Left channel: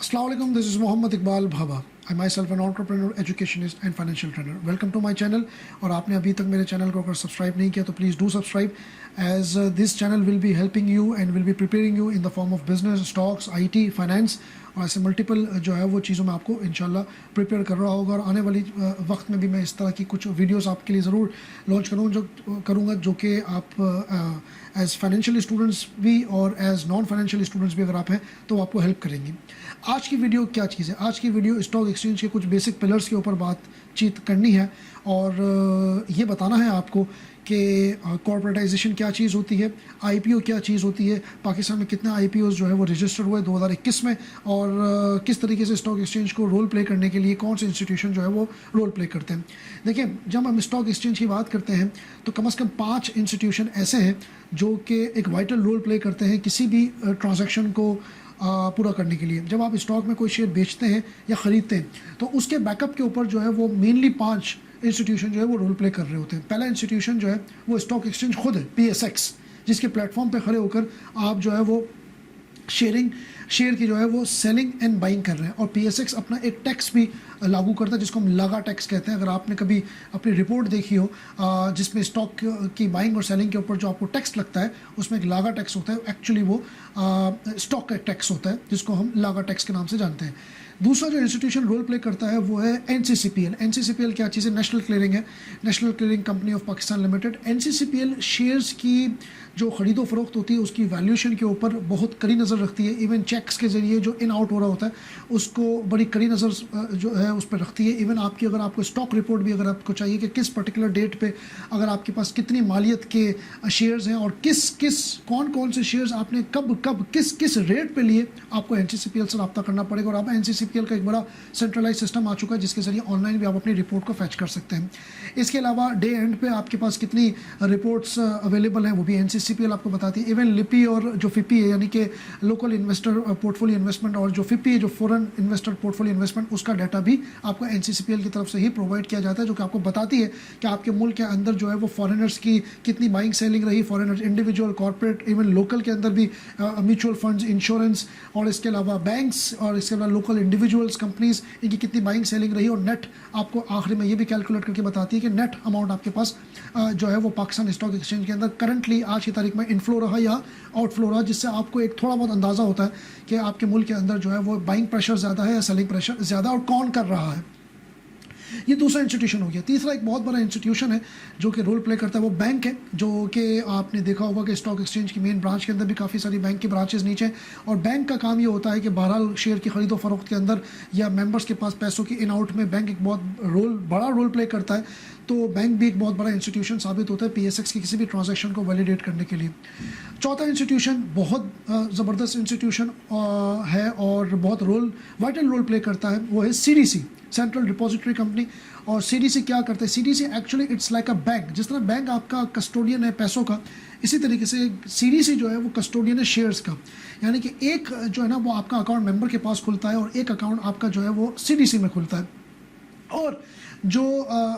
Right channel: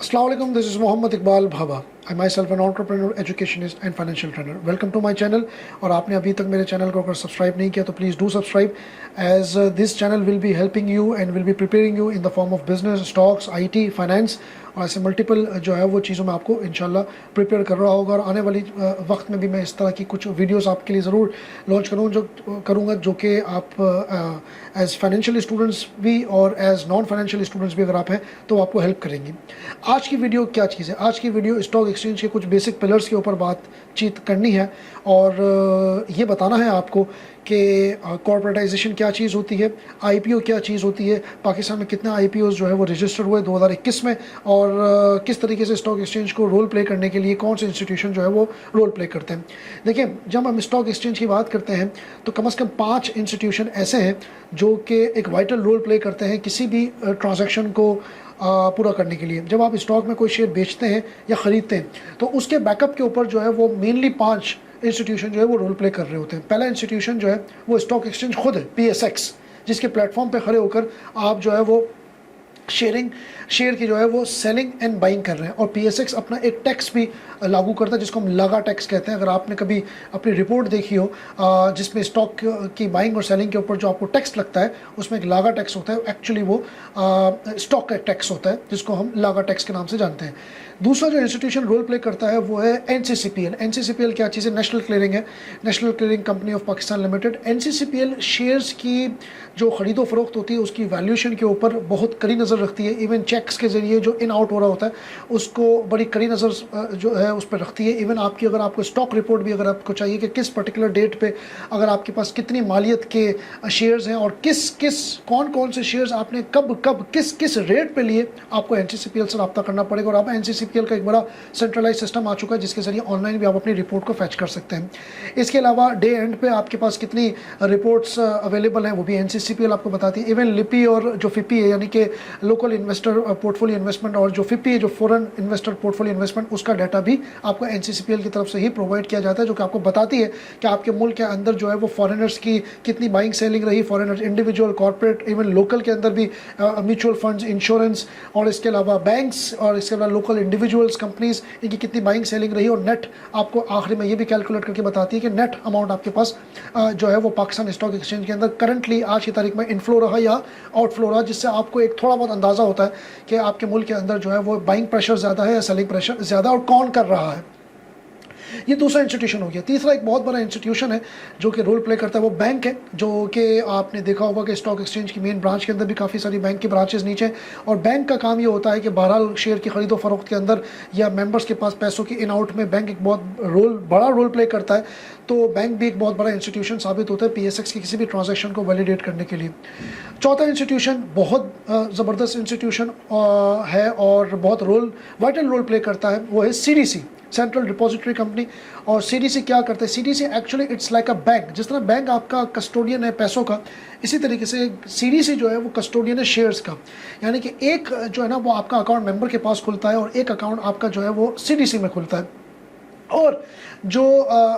Assalamu alaikum, this is Mohammad Iqbal Bhaba. I myself an entrepreneur, educationist and financial trainer. Welcome to my channel. और आपने अभी तक मेरे channel को अगर सब्सक्राइब नहीं किया तो please do subscribe as this channel will be helping you and will be preparing you in the form of business, stocks, IT, finance और ऐसे मल्टीपल जो है वो चीज़ों में आपको इंशाल्लाह प्रिपेयर कर रहा होगा। और आने वाली वक्त में भी मैं इस तरह की कुछ वीडियोस आपके लिए ज़रूर लॉन्च करूँगा जो कि आप एज फाइनेंशियल स्टूडेंट्स भी और एज नॉन फाइनेंशियल स्टूडेंट्स भी अगर आप हैं तो आपको हेल्प करेंगी। आज की वीडियो क्या चीज़ है? आज की वीडियो स्टॉक एक्सचेंज के कुछ बेसिक पिलर्स के ऊपर बातचीत करनी है और ये बताना है आपको कि कॉर्पोरेटाइजेशन क्या चीज़ होती है, आईपीओ क्या चीज़ होती है, पाकिस्तान में कितने आईपीओ जो है वो रजिस्टर हुए 2021 में और किस तरीके से स्टॉक एक्सचेंज को रोल प्ले करने के लिए कौन से इंस्टीट्यूशन जो है वो रोल प्ले करते हैं। देखिए, जब हम स्टॉक एक्सचेंज की बात करते हैं तो कम से कम 5 इंस्टीट्यूशन ऐसे हैं जो कि एक वाइटल रोल प्ले करते हैं किसी भी ट्रांजैक्शन को पूरा करने के लिए। जब आप स्टॉक में कोई शेयर बेचते हैं या ख़रीदते हैं तो उसके बैकअप के ऊपर जो है वो मेनली 5 इंस्टीट्यूशन जो है वो रोल प्ले कर रहे होते हैं। पहला इंस्टीट्यूशन जो है वो स्टॉक एक्सचेंज खुद है, PSX, जिसके प्लेटफॉर्म पे खड़े होकर आप जो है वो शेयर की जो है वो सेलिंग एंड बाइंग कर रहे हैं। और PSX अपना एक टैक्स भी लागू करता है जिसको हम लगा टैक्स कहते हैं। अगर आपने कभी अपनी रिपोर्ट देखी हो जिसमें स्टॉक की बाइंग और सेलिंग के ऊपर जो आपको टैक्स लगता है उसमें एक लागा टैक्स होता है, एक्चुअली वो स्टॉक का टैक्स होता है जिसको हम लागा टैक्स के नाम से जानते हैं। दूसरा जो इंस्टीट्यूशन रोल प्ले करता है वो है NCCPL। NCCPL क्या चीज़ है? नेशनल क्लियरिंग है, national clearing company of Pakistan limited. NCCPL shares की जो ख़रीदो फरोख्त होती है उसकी वैल्यूएशन के ऊपर बहुत कड़ी नज़र रखती है। इवन चेक्स के ज़रिए जो इन आउट हो रहा होता है उसको बड़ी कड़ी नज़र जो है उस पर रखती है। इवन आपकी अगर आपको स्टॉक रिपोर्ट भी अगर आपको चाहिए कि किस पर्टिकुलर डेट पे अगर आपके पास कितनी मालियत के शेयर्स हैं और कौन कौन से शेयर्स आपने कब किस रेट पे लिए, आपको NCCPL से रब्ता करना पड़ेगा। और अब NCCPL का एक बड़ा सेंट्रलाइज सिस्टम आ चुका है जिसके ज़रिए ऑनलाइन भी आप अपनी रिपोर्ट को फैच कर सकते हैं। इसके अलावा डे एंड पे आपके पास कितनी रिपोर्ट्स अवेलेबल हैं वो भी NCCPL आपको बताती है। इवन लिपी और जो FIPI है यानी कि लोकल इन्वेस्टर पोर्टफोलियो इन्वेस्टमेंट और जो FIPI है जो फॉरेन इन्वेस्टर पोर्टफोलियो इन्वेस्टमेंट, उसका डाटा भी आपको NCCPL की तरफ से ही प्रोवाइड किया जाता है जो कि आपको बताती है कि आपके मुल्क के अंदर जो है वो फॉरेनर्स की कितनी बाइंग सेलिंग रही, foreigners individual, corporate, even local के अंदर भी म्यूचुअल फंड्स, इंश्योरेंस और इसके अलावा बैंक्स और इसके अलावा लोकल इंडिविजुअल्स, कंपनीज, इनकी कितनी बाइंग सेलिंग रही। और नेट आपको आखिरी में ये भी कैलकुलेट करके बताती है कि नेट अमाउंट आपके पास जो है वो पाकिस्तान स्टॉक एक्सचेंज के अंदर करंटली आज की तारीख में इनफ्लो रहा या आउटफ्लो रहा, जिससे आपको एक थोड़ा बहुत अंदाज़ा होता है कि आपके मुल्क के अंदर जो है वो बाइंग प्रेशर ज़्यादा है या सेलिंग प्रेशर ज़्यादा और कौन कर रहा है। ये दूसरा इंस्टीट्यूशन हो गया। तीसरा एक बहुत बड़ा इंस्टीट्यूशन है जो कि रोल प्ले करता है वो बैंक है, जो कि आपने देखा होगा कि स्टॉक एक्सचेंज की मेन ब्रांच के अंदर भी काफ़ी सारी बैंक की ब्रांचेस नीचे हैं। और बैंक का काम ये होता है कि बहरहाल शेयर की खरीदो फरोख्त के अंदर या मेंबर्स के पास पैसों की इन आउट में बैंक एक बहुत बड़ा रोल प्ले करता है। तो बैंक भी एक बहुत बड़ा इंस्टीट्यूशन साबित होता है PSX की किसी भी ट्रांजैक्शन को वैलिडेट करने के लिए। चौथा इंस्टीट्यूशन बहुत ज़बरदस्त इंस्टीट्यूशन है और बहुत वाइटल रोल प्ले करता है, वो है CDC, सेंट्रल डिपॉजिटरी कंपनी। और CDC क्या करता है? CDC actually it's like a bank. जिस तरह बैंक आपका कस्टोडियन है पैसों का, इसी तरीके से CDC जो है वो कस्टोडियन है शेयर्स का। यानी कि एक जो है ना वो आपका अकाउंट मेंबर के पास खुलता है और एक अकाउंट आपका जो है वो CDC में खुलता है। और जो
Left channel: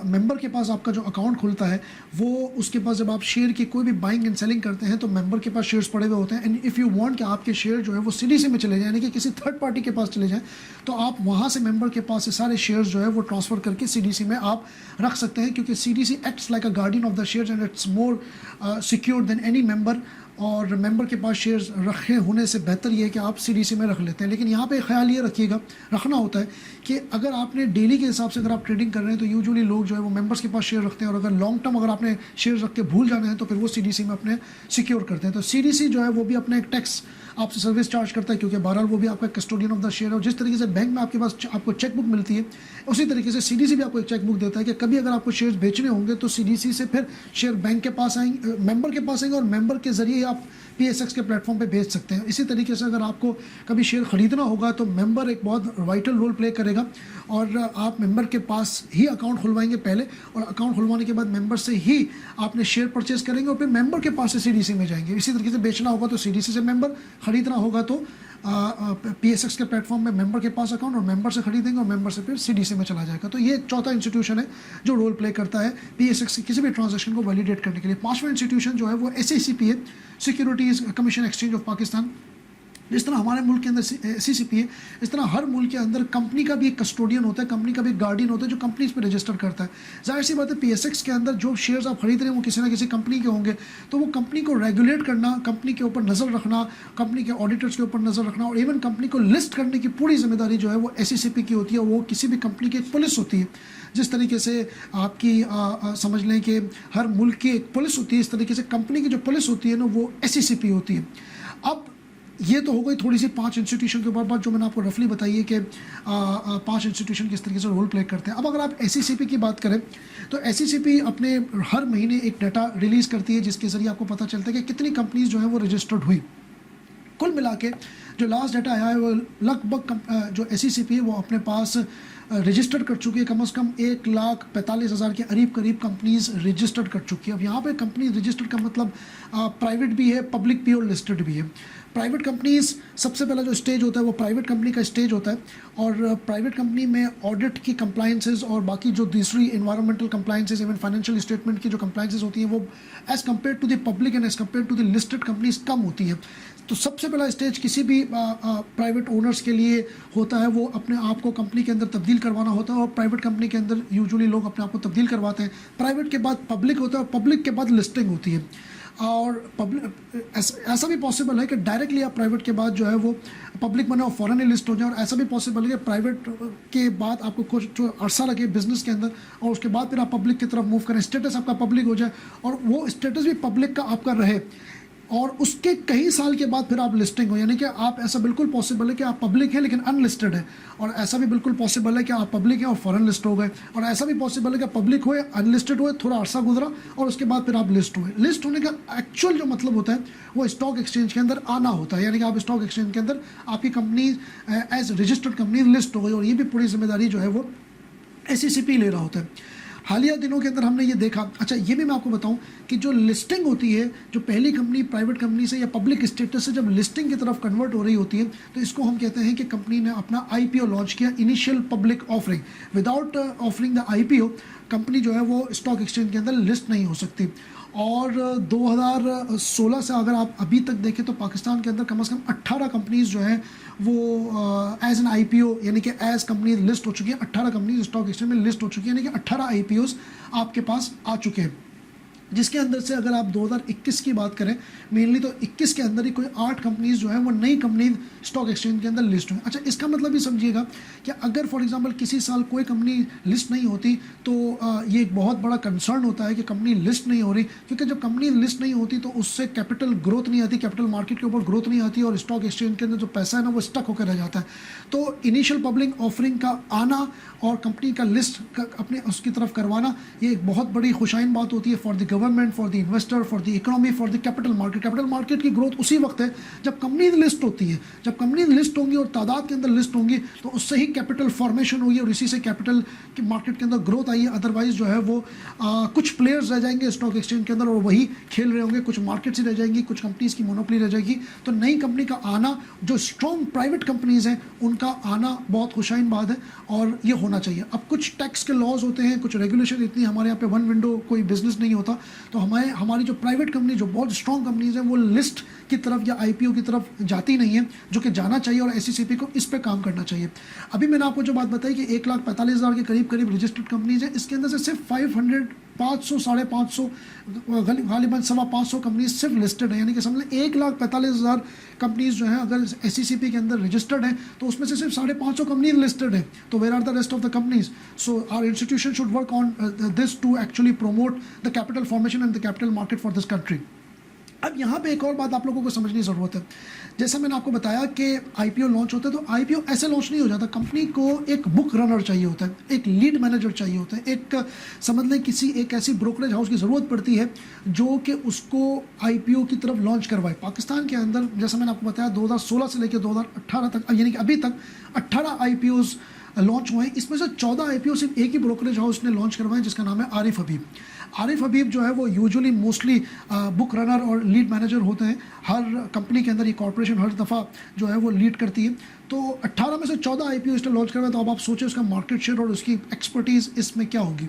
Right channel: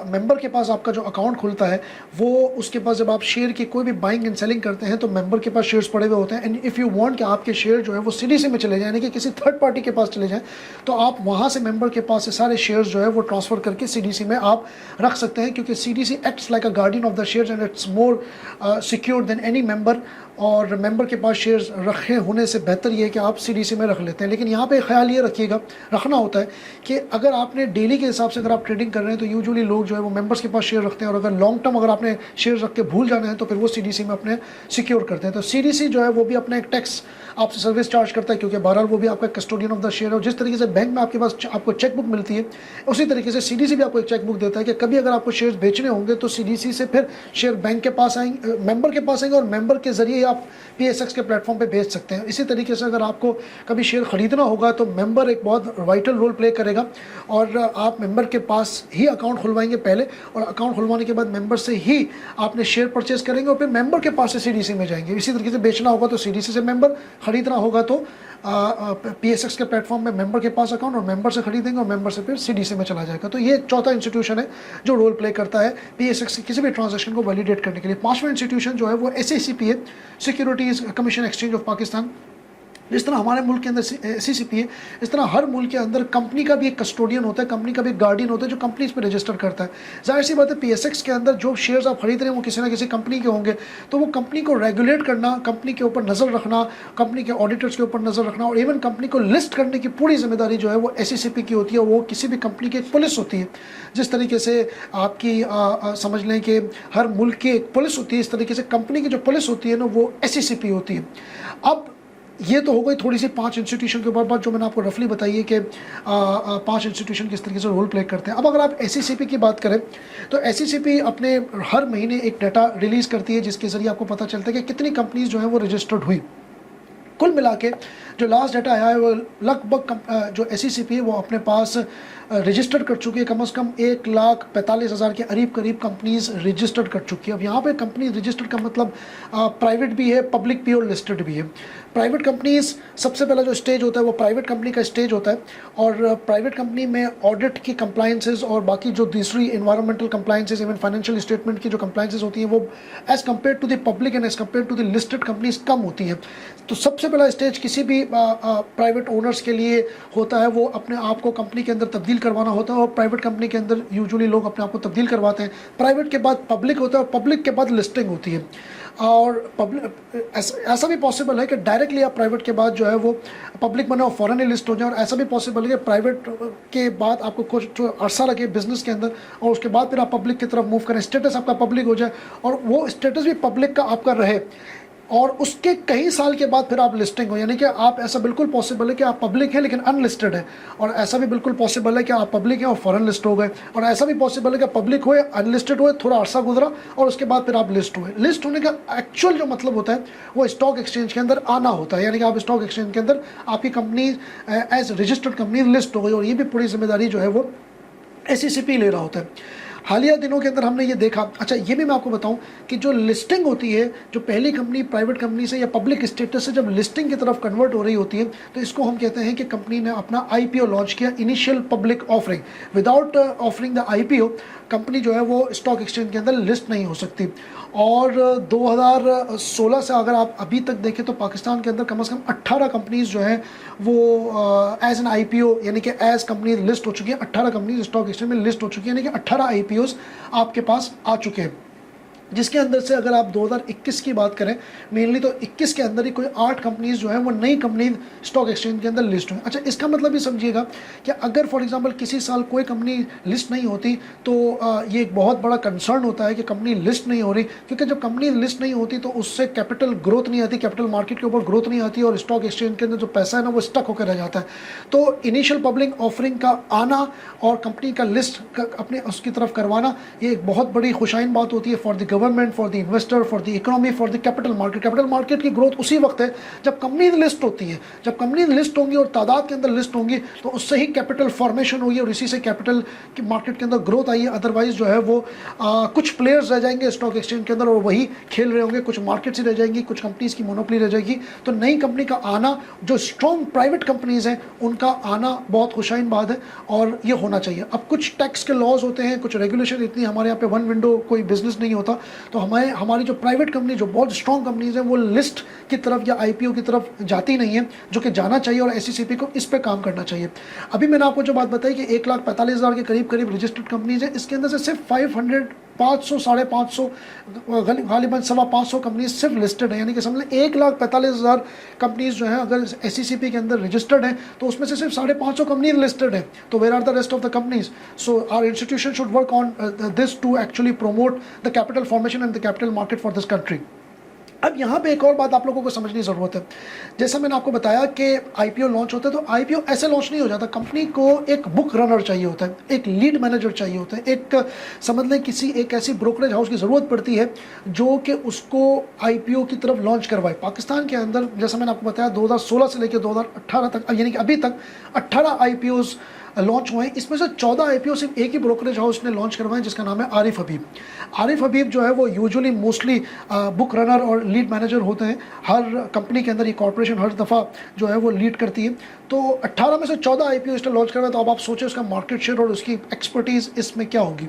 मेंबर के पास आपका जो अकाउंट खुलता है वो उसके पास जब आप शेयर की कोई भी बाइंग एंड सेलिंग करते हैं तो मेंबर के पास शेयर्स पड़े हुए होते हैं। एंड इफ़ यू वांट कि आपके शेयर जो है वो CDC में चले जाए यानी कि किसी थर्ड पार्टी के पास चले जाएं तो आप वहाँ से मेंबर के पास से सारे शेयर्स जो है वो ट्रांसफ़र करके CDC में आप रख सकते हैं, क्योंकि CDC acts like a guardian of the shares and it's more secure than any member. और मेंबर के पास शेयर्स रखे होने से बेहतर ये है कि आप CDC में रख लेते हैं। लेकिन यहाँ पे ख्याल ये रखना होता है कि अगर आपने डेली के हिसाब से अगर आप ट्रेडिंग कर रहे हैं तो यूजुअली लोग जो है वो मेंबर्स के पास शेयर रखते हैं और अगर लॉन्ग टर्म अगर आपने शेयर रख के भूल जाना है तो फिर वो CDC में अपने सिक्योर करते हैं। तो CDC जो है वो भी अपना एक टैक्स आपसे सर्विस चार्ज करता है, क्योंकि बहरहाल वो भी आपका कस्टोडियन ऑफ द शेयर है। और जिस तरीके से बैंक में आपके पास आपको चेकबुक मिलती है उसी तरीके से CDC भी आपको एक चेकबुक देता है कि कभी अगर आपको शेयर बेचने होंगे तो CDC से फिर शेयर बैंक के पास आएंगे, मेंबर के पास आएंगे और मेंबर के जरिए आप PSX के प्लेटफॉर्म पे भेज सकते हैं। इसी तरीके से अगर आपको कभी शेयर खरीदना होगा तो मेंबर एक बहुत वाइटल रोल प्ले करेगा और आप मेंबर के पास ही अकाउंट खुलवाएंगे पहले, और अकाउंट खुलवाने के बाद मेंबर से ही आपने शेयर परचेज करेंगे और फिर मेंबर के पास से CDC में जाएंगे। इसी तरीके से बेचना होगा तो CDC से मेंबर, खरीदना होगा तो PSX के प्लेटफॉर्म में मेंबर के पास अकाउंट और मेंबर से खरीदेंगे और मेंबर से फिर CDC में चला जाएगा। तो ये चौथा इंस्टीट्यूशन है जो रोल प्ले करता है PSX की किसी भी ट्रांजैक्शन को वैलिडेट करने के लिए। पांचवा इंस्टीट्यूशन जो है वो SACP है, securities commission exchange of Pakistan. जिस तरह हमारे मुल्क के अंदर SCCP है, इस तरह हर मुल्क के अंदर कंपनी का भी एक कस्टोडियन होता है, कंपनी का भी एक गार्डियन होता है जो कंपनीज पे रजिस्टर करता है। जाहिर सी बात है PSX के अंदर जो शेयर्स आप खरीद रहे हैं वो किसी ना किसी कंपनी के होंगे, तो वो कंपनी को रेगुलेट करना, कंपनी के ऊपर नज़र रखना, कंपनी के ऑडिटर्स के ऊपर नज़र रखना और इवन कंपनी को लिस्ट करने की पूरी जिम्मेदारी जो है वो SCCP की होती है। वो किसी भी कंपनी की एक पुलिस होती है। जिस तरीके से आपकी समझ लें कि हर मुल्क की एक पुलिस होती है, इस तरीके से कंपनी की जो पुलिस होती है ना वो SCCP होती है। अब ये तो हो गई थोड़ी सी 5 इंस्टीट्यूशन के ऊपर बात जो मैंने आपको रफली बताई है कि 5 इंस्टीट्यूशन किस तरीके से रोल प्ले करते हैं। अब अगर आप SCCP की बात करें तो SCCP अपने हर महीने एक डाटा रिलीज़ करती है जिसके ज़रिए आपको पता चलता है कि कितनी कंपनीज जो है वो रजिस्टर्ड हुई। कुल मिला के जो लास्ट डाटा आया है वो लगभग जो SCCP है वो अपने पास रजिस्टर्ड कर चुकी है, कम से कम 1,45,000 के करीब कंपनीज रजिस्टर्ड कर चुकी है। अब यहाँ पे कंपनी रजिस्टर्ड का मतलब प्राइवेट भी है, पब्लिक भी और लिस्टेड भी है। प्राइवेट कंपनीज सबसे पहला जो स्टेज होता है वो प्राइवेट कंपनी का स्टेज होता है और प्राइवेट कंपनी में ऑडिट की कंप्लायंसेस और बाकी जो दूसरी environmental compliances, even financial statement की जो कंप्लायंसेस होती हैं वो as compare to the public and as compare to the listed companies कम होती हैं। तो सबसे पहला स्टेज किसी भी प्राइवेट ओनर्स के लिए होता है वो अपने आप को कंपनी के अंदर तब्दील करवाना होता है और प्राइवेट कंपनी के अंदर यूजुअली लोग अपने आप को तब्दील करवाते हैं। प्राइवेट के बाद पब्लिक होता है और पब्लिक के बाद लिस्टिंग होती है। और पब्लिक ऐसा भी पॉसिबल है कि डायरेक्टली आप प्राइवेट के बाद जो है वो पब्लिक बने और फॉरेन लिस्ट हो जाए, और ऐसा भी पॉसिबल है कि प्राइवेट के बाद आपको कुछ अरसा लगे बिजनेस के अंदर और उसके बाद फिर आप पब्लिक की तरफ मूव करें, स्टेटस आपका पब्लिक हो जाए और वो स्टेटस भी पब्लिक का आपका रहे और उसके कई साल के बाद फिर आप लिस्टिंग हो। यानी कि आप ऐसा बिल्कुल पॉसिबल है कि आप पब्लिक हैं लेकिन अनलिस्टेड है, और ऐसा भी बिल्कुल पॉसिबल है कि आप पब्लिक हैं और फॉरेन लिस्ट हो गए, और ऐसा भी पॉसिबल है कि पब्लिक हुए, अनलिस्टेड हुए, थोड़ा अरसा गुजरा और उसके बाद फिर आप लिस्ट हुए। लिस्ट होने का एक्चुअल जो मतलब होता है वो स्टॉक एक्सचेंज के अंदर आना होता है, यानी कि आप स्टॉक एक्सचेंज के अंदर आपकी company as registered company list हो गई, और ये भी पूरी जिम्मेदारी जो है वो SCCP ले रहा होता है। हालिया दिनों के अंदर हमने ये देखा, अच्छा ये भी मैं आपको बताऊं कि जो लिस्टिंग होती है, जो पहली कंपनी प्राइवेट कंपनी से या पब्लिक स्टेटस से जब लिस्टिंग की तरफ कन्वर्ट हो रही होती है तो इसको हम कहते हैं कि कंपनी ने अपना IPO लॉन्च किया, initial public offering. Without offering the IPO company जो है वो स्टॉक एक्सचेंज के अंदर लिस्ट नहीं हो सकती। और 2016 से अगर आप अभी तक देखें तो पाकिस्तान के अंदर कम से कम 18 कंपनीज जो हैं वो एज एन IPO यानी कि एज कंपनी लिस्ट हो चुकी है। 18 कंपनीज स्टॉक एक्सचेंज में लिस्ट हो चुकी है, यानी कि 18 IPOs आपके पास आ चुके हैं, जिसके अंदर से अगर आप 2021 की बात करें मेनली तो 21 के अंदर ही कोई 8 कंपनीज जो है वो नई कंपनी स्टॉक एक्सचेंज के अंदर लिस्ट हुई। अच्छा इसका मतलब भी समझिएगा कि अगर फॉर एग्जांपल किसी साल कोई कंपनी लिस्ट नहीं होती तो ये एक बहुत बड़ा कंसर्न होता है कि कंपनी लिस्ट नहीं हो रही, क्योंकि जब कंपनी लिस्ट नहीं होती तो उससे कैपिटल ग्रोथ नहीं आती, कैपिटल मार्केट के ऊपर ग्रोथ नहीं आती और स्टॉक एक्सचेंज के अंदर जो पैसा है ना वो स्टक होकर रह जाता है। तो इनिशियल पब्लिक ऑफरिंग का आना और कंपनी का लिस्ट अपने उसकी तरफ करवाना ये एक बहुत बड़ी खुशाइन बात होती है for the government, for the investor, for the economy, for the capital market. Capital market की ग्रोथ उसी वक्त है जब कंपनी लिस्ट होती है। जब कंपनी लिस्ट होंगी और तादाद के अंदर लिस्ट होंगी तो उससे ही कैपिटल फॉर्मेशन होगी और इसी से कैपिटल की मार्केट के अंदर ग्रोथ आई है। अदरवाइज जो है वो कुछ प्लेयर्स रह जाएंगे स्टॉक एक्सचेंज के अंदर और वही खेल रहे होंगे, कुछ मार्केट्स ही रह जाएंगी, कुछ कंपनीज की मोनोपोली रह जाएगी। तो नई कंपनी का आना, जो स्ट्रॉन्ग प्राइवेट कंपनीज हैं उनका आना बहुत खुशाइन बात है और ये होना चाहिए। अब कुछ टैक्स के लॉज होते हैं, कुछ रेगुलेशन, इतनी हमारे यहाँ पे वन विंडो कोई बिजनेस नहीं होता, तो हमारी जो प्राइवेट कंपनी जो बहुत स्ट्रॉन्ग कंपनीज हैं वो लिस्ट की तरफ या IPO की तरफ जाती नहीं है, जो कि जाना चाहिए और SCCP को इस पे काम करना चाहिए। अभी मैंने आपको जो बात बताई कि 1,45,000 के करीब रजिस्टर्ड कंपनीज है, इसके अंदर से सिर्फ 500 500 550 गालिबन 550 कंपनीज सिर्फ लिस्टेड है, यानी कि समझ लें 1,45,000 कंपनीज जो है अगर SCCP के अंदर रजिस्टर्ड है तो उसमें से सिर्फ 550 कंपनीज लिस्टेड है। तो where are the rest of the companies? So our institution should work on this to actually promote the capital formation and the capital market for this country. अब यहाँ पे एक और बात आप लोगों को समझने की ज़रूरत है। जैसा मैंने आपको बताया कि IPO लॉन्च होता है तो IPO ऐसे लॉन्च नहीं हो जाता। कंपनी को एक बुक रनर चाहिए होता है, एक लीड मैनेजर चाहिए होता है, एक समझ लें एक ऐसी ब्रोकरेज हाउस की ज़रूरत पड़ती है जो कि उसको IPO की तरफ लॉन्च करवाए। पाकिस्तान के अंदर जैसा मैंने आपको बताया 2016 से लेकर 2018 तक, यानी कि अभी तक 18 IPOs लॉन्च हुए हैं। इसमें से 14 IPO सिर्फ एक ही ब्रोकरेज हाउस ने लॉन्च करवाए जिसका नाम है आरिफ हबीब। आरिफ हबीब जो है वो यूजुअली मोस्टली बुक रनर और लीड मैनेजर होते हैं। हर कंपनी के अंदर ये कॉर्पोरेशन हर दफ़ा जो है वो लीड करती है। तो 18 में से 14 IPO इसने लॉन्च करवाया, तो अब आप सोचें उसका मार्केट शेयर और उसकी एक्सपर्टीज़ इसमें क्या होगी।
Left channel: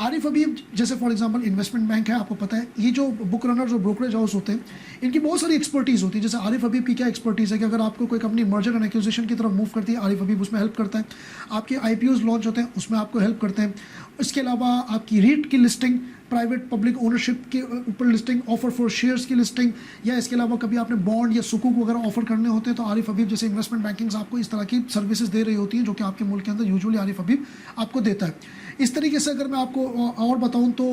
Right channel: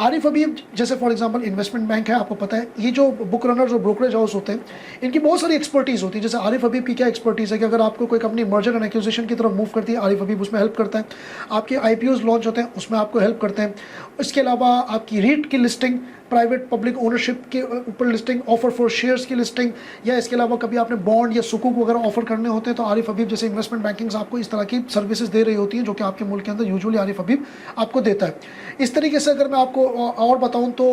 आरिफ हबीब जैसे फॉर एग्जांपल इन्वेस्टमेंट बैंक है, आपको पता है ये जो बुक रनर्स और ब्रोकरेज हाउस होते हैं इनकी बहुत सारी एक्सपर्टीज़ होती है। जैसे आरिफ हबीब की क्या एक्सपर्टीज़ है कि अगर आपको कोई कंपनी मर्जर एंड एक्विजिशन की तरफ मूव करती है, आरिफ हबीब उसमें हेल्प करता है। आपके IPOs लॉन्च होते हैं उसमें आपको हेल्प करते हैं। इसके अलावा आपकी रीट की लिस्टिंग, प्राइवेट पब्लिक ओनरशिप के ऊपर लिस्टिंग, ऑफर फॉर शेयर्स की लिस्टिंग, या इसके अलावा कभी आपने बॉन्ड या सुकूक वगैरह ऑफर करने होते हैं तो आरिफ हबीब जैसे इन्वेस्टमेंट बैंकिंग्स आपको इस तरह की सर्विसेज दे रही होती हैं जो कि आपके मुल्क के अंदर यूजुअली आरिफ हबीब आपको देता है। इस तरीके से अगर मैं आपको और बताऊं तो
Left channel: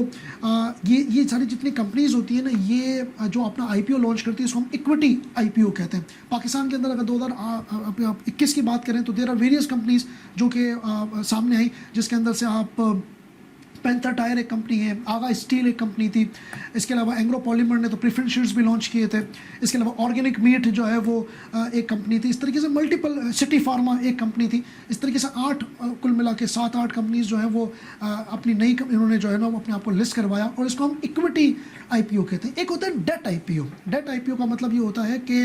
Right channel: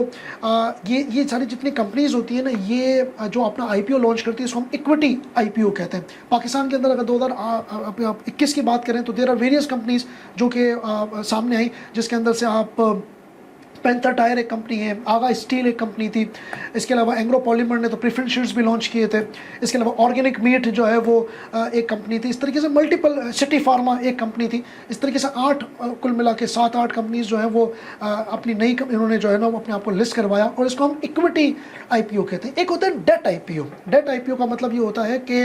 ये सारी जितनी कंपनीज होती हैं ना, ये जो अपना IPO लॉन्च करती है इसको हम इक्विटी IPO कहते हैं। पाकिस्तान के अंदर अगर 2021 की बात करें तो देयर आर वेरियस कंपनीज जो कि सामने आई, जिसके अंदर से आप पैंथर टायर एक कंपनी है, आगा स्टील एक कंपनी थी, इसके अलावा एंग्रो पॉलीमर ने तो प्रेफरेंस शेयर्स भी लॉन्च किए थे, इसके अलावा ऑर्गेनिक मीट जो है वो एक कंपनी थी। इस तरीके से मल्टीपल, सिटी फार्मा एक कंपनी थी। इस तरीके से 8 कुल मिला के 7-8 कंपनीज जो है वो अपनी नई इन्होंने जो है ना वो अपने आप को लिस्ट करवाया, और इसको हम इक्विटी IPO कहते हैं। एक होता है डेट IPO। डेट IPO का मतलब ये होता है कि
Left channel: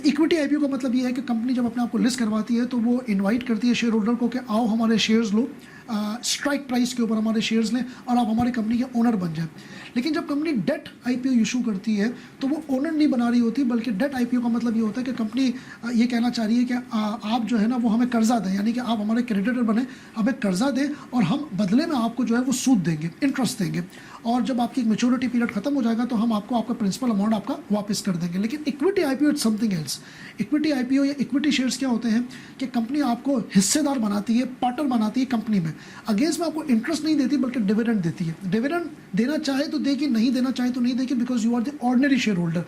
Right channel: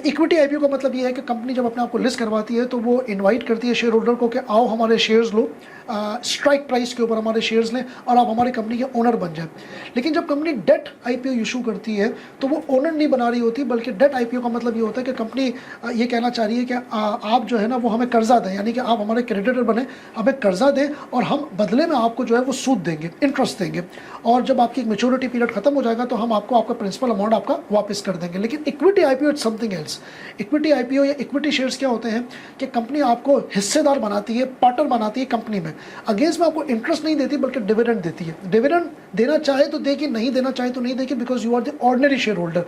इक्विटी IPO का मतलब ये है कि कंपनी जब अपने आप को लिस्ट करवाती है तो वो इनवाइट करती है शेयर होल्डर को कि आओ हमारे शेयर्स लो, स्ट्राइक प्राइस के ऊपर हमारे शेयर्स लें और आप हमारी कंपनी के ओनर बन जाए। लेकिन जब कंपनी डेट IPO इशू करती है तो वो ओनर नहीं बना रही होती, बल्कि डेट IPO का मतलब ये होता है कि कंपनी ये कहना चाह रही है कि आप जो है ना वो हमें कर्जा दें, यानी कि आप हमारे क्रेडिटर बने, हमें कर्जा दें और हम बदले में आपको जो है वो सूद देंगे, इंटरेस्ट देंगे, और जब आपकी मेच्योरिटी पीरियड खत्म हो जाएगा तो हम आपको आपका प्रिंसिपल अमाउंट आपका वापस कर देंगे। लेकिन equity IPO it's something else. Equity IPO या इक्विटी शेयर्स क्या होते हैं कि कंपनी आपको हिस्सेदार बनाती है, पार्टनर बनाती है कंपनी में। अगेंस्ट में आपको इंटरेस्ट नहीं देती बल्कि डिविडेंड देती है। डिविडेंड देना चाहे तो देगी, नहीं देना चाहे तो नहीं देगी, because you are the ordinary share holder.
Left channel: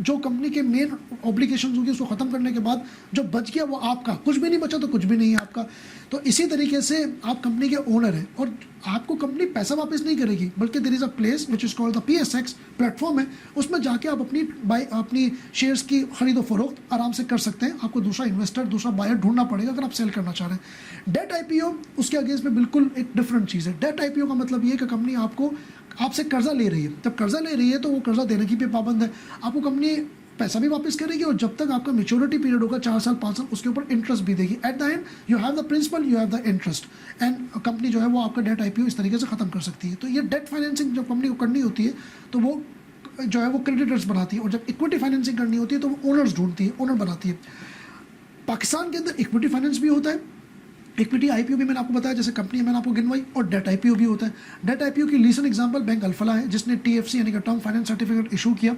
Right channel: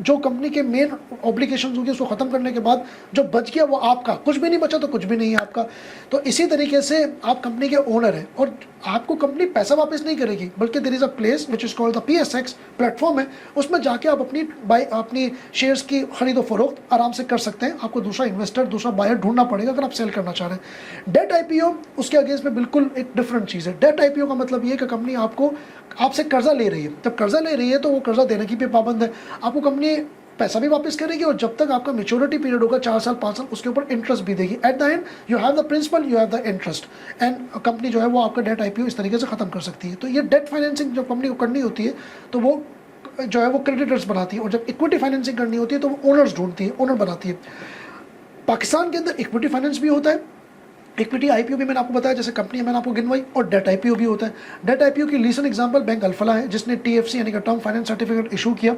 जो कंपनी के मेन ऑब्लिगेशन होगी उसको खत्म करने के बाद जो बच गया वो आपका, कुछ भी नहीं बचा तो कुछ भी नहीं है आपका। तो इसी तरीके से आप कंपनी के ओनर हैं और आपको कंपनी पैसा वापस नहीं करेगी, बल्कि there is a place which is called the PSX platform है, उसमें जाके आप अपनी शेयर्स की खरीदो फरोख्त आराम से कर सकते हैं। आपको दूसरा इन्वेस्टर, दूसरा बायर ढूंढना पड़ेगा अगर आप सेल करना चाह रहे हैं। डेट IPO उसके अगेंस्ट में बिल्कुल एक डिफरेंट चीज़ है। डेट IPO का मतलब ये है कि कंपनी आपसे कर्जा ले रही है। जब कर्जा ले रही है तो वो कर्जा देने की भी पाबंद है, आपको कंपनी पैसा भी वापस करेगी और जब तक आपका मेच्योरिटी पीरियड होगा 4 साल 5 साल उसके ऊपर इंटरेस्ट भी देगी। At the end you have the principal, you have the interest, and company जो है वो आपका डेट IPO इस तरीके से खत्म कर सकती है। तो ये डेट फाइनेंसिंग जब कंपनी को करनी होती है तो वो जो है वो क्रेडिटर्स बनाती है, और जब इक्विटी फाइनेंसिंग करनी होती है तो वो ओनर्स ढूंढती है, ओनर बनाती है। पाकिस्तान के अंदर इक्विटी फाइनेंस भी होता है, इक्विटी IPO भी मैंने आपको बताया, जैसे कंपनी मैंने आपको गिनवाई, और डेट IPO भी होता है। डेट IPO की रीसेंट एग्जांपल बैंक अल्फला है, जिसने TFC यानी कि टर्म फाइनेंस सर्टिफिकेट इशू किया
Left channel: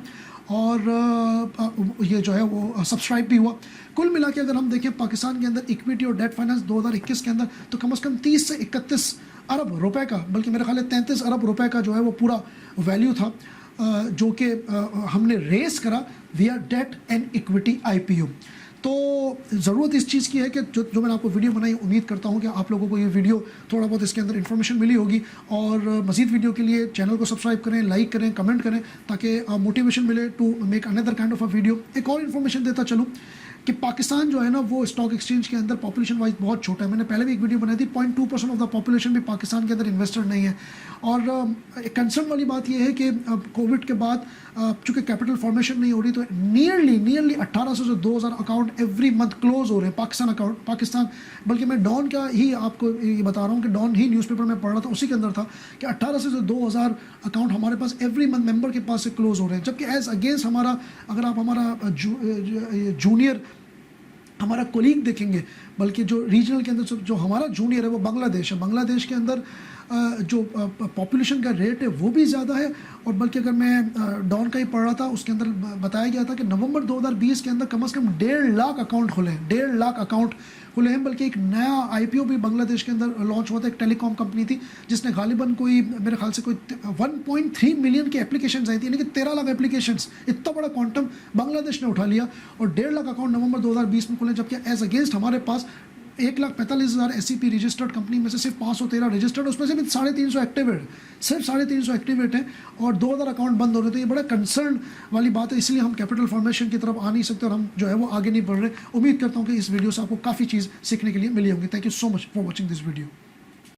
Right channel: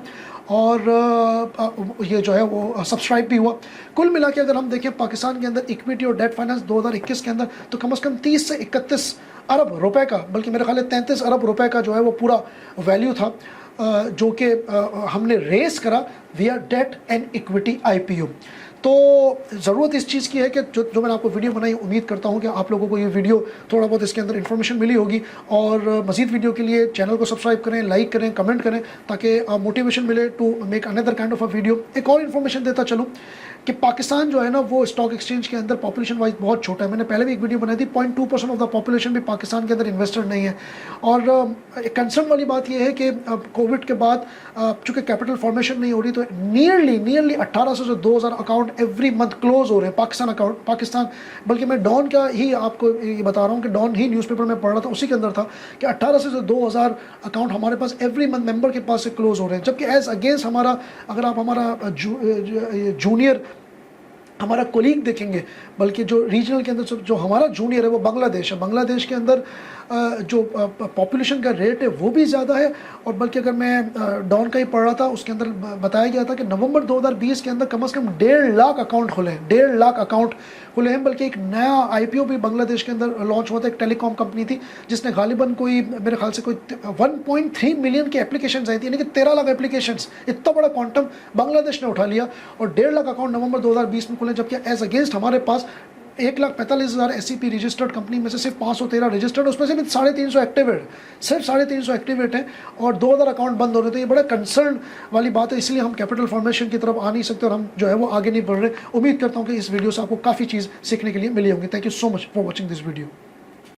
और ये जो है वो सब्सक्राइब भी हुआ। कुल मिला के अगर हम देखें पाकिस्तान के अंदर इक्विटी और डेट फाइनेंस 2021 के अंदर तो कम से कम 30 से 31 अरब रुपए का, बल्कि मेरे ख्याल है 33 अरब रुपए का जो है वो पूरा वैल्यू था जो कि हमने रेस करा विया डेट एंड इक्विटी IPO। तो ज़रूरत इस चीज़ की है कि जो मैंने आपको वीडियो बनाई, उम्मीद करता हूँ कि आप लोगों को ये वीडियो थोड़ा बहुत इसके अंदर इन्फॉर्मेशन मिली होगी, और मज़ीद वीडियो के लिए चैनल को सब्सक्राइब करें, लाइक करें, कमेंट करें, ताकि मोटिवेशन मिले to make another kind of a video. एक और इन्फॉर्मेशन देता चलूँ कि पाकिस्तान जो है ना वो स्टॉक एक्सचेंज के अंदर पॉपुलेशन वाइज बहुत छोटा है। मैंने पहले भी एक वीडियो बनाई थी, 0.2% ऑफ द पॉपुलेशन भी पाकिस्तान के अंदर इन्वेस्टर नहीं है। और कंसर्न वाली बात यह है कि कोविड के बाद चूँकि कैपिटल फॉर्मेशन नहीं हो रही तो नियरली 1800 से 2000 अकाउंट एवरी मंथ क्लोज हो रहे हैं पाकिस्तान। बल्कि मैं डॉन का ही आपको ये बता रहा हूँ कि डॉन ही न्यूज़पेपर में पढ़ रहा था, उसी के अंदर था कि 1800 से 2000 अकाउंट हमारे पास एवरी मंथ मेंबर के पास से क्लोज हो रहे हैं। जबकि एज अगेंस्ट हमारा, अगर आप हमारा जूनियर हमारा कोलीग देखेंगे, बल्कि जो रीजनल के अंदर जो हमारा जूनियर है वो बांग्लादेश है। बांग्लादेश के अंदर जो पॉपुलेशन का रेट है वो भी ज़्यादा है, और बल्कि अगर मैं डॉन का ही पढ़ रहा था उसके अंदर बताया गया था कि नवंबर 2020 के अंदर कम से कम 1.5 लाख अकाउंट खुले हैं, 1.5 लाख अकाउंट खुले हैं। बल्कि एक नया IPO भी बांग्लादेश के अंदर लॉन्च हुआ था, एक टेलीकॉम कंपनी थी जिसने गालिबन कोई मेरे ख्याल से कोई 1.3 मिलियन की एप्लीकेशन आई थी, यानी कि 13 लाख एप्लीकेशन, इतना बड़ा क्वांटम बांग्लादेश ने उठा लिया, और 1.5 लाख अकाउंट नवंबर 2020 में खुले। जबकि एज अगेंस्ट हमारे पास 1,45,000 SEP रजिस्टर्ड कंपनी में से सिर्फ 513 रजिस्टर्ड, उसमें से भी 350 एक्टिवेट, सिर्फ 350 एक्टिवेट हैं, और 2000 अकाउंट बंद हो रहे। तो ये बड़ा कंसर्न वाली बात है, इसलिए हम कैपिटल फॉर्मेशन की तरफ आ नहीं सकते और हम जो है वो आगे नहीं बढ़ रहे। उम्मीद करता हूँ कि इस वीडियो से आपको काफ़ी चीज़ सीखने के लिए मिली होंगी। Thank you so much for watching this video.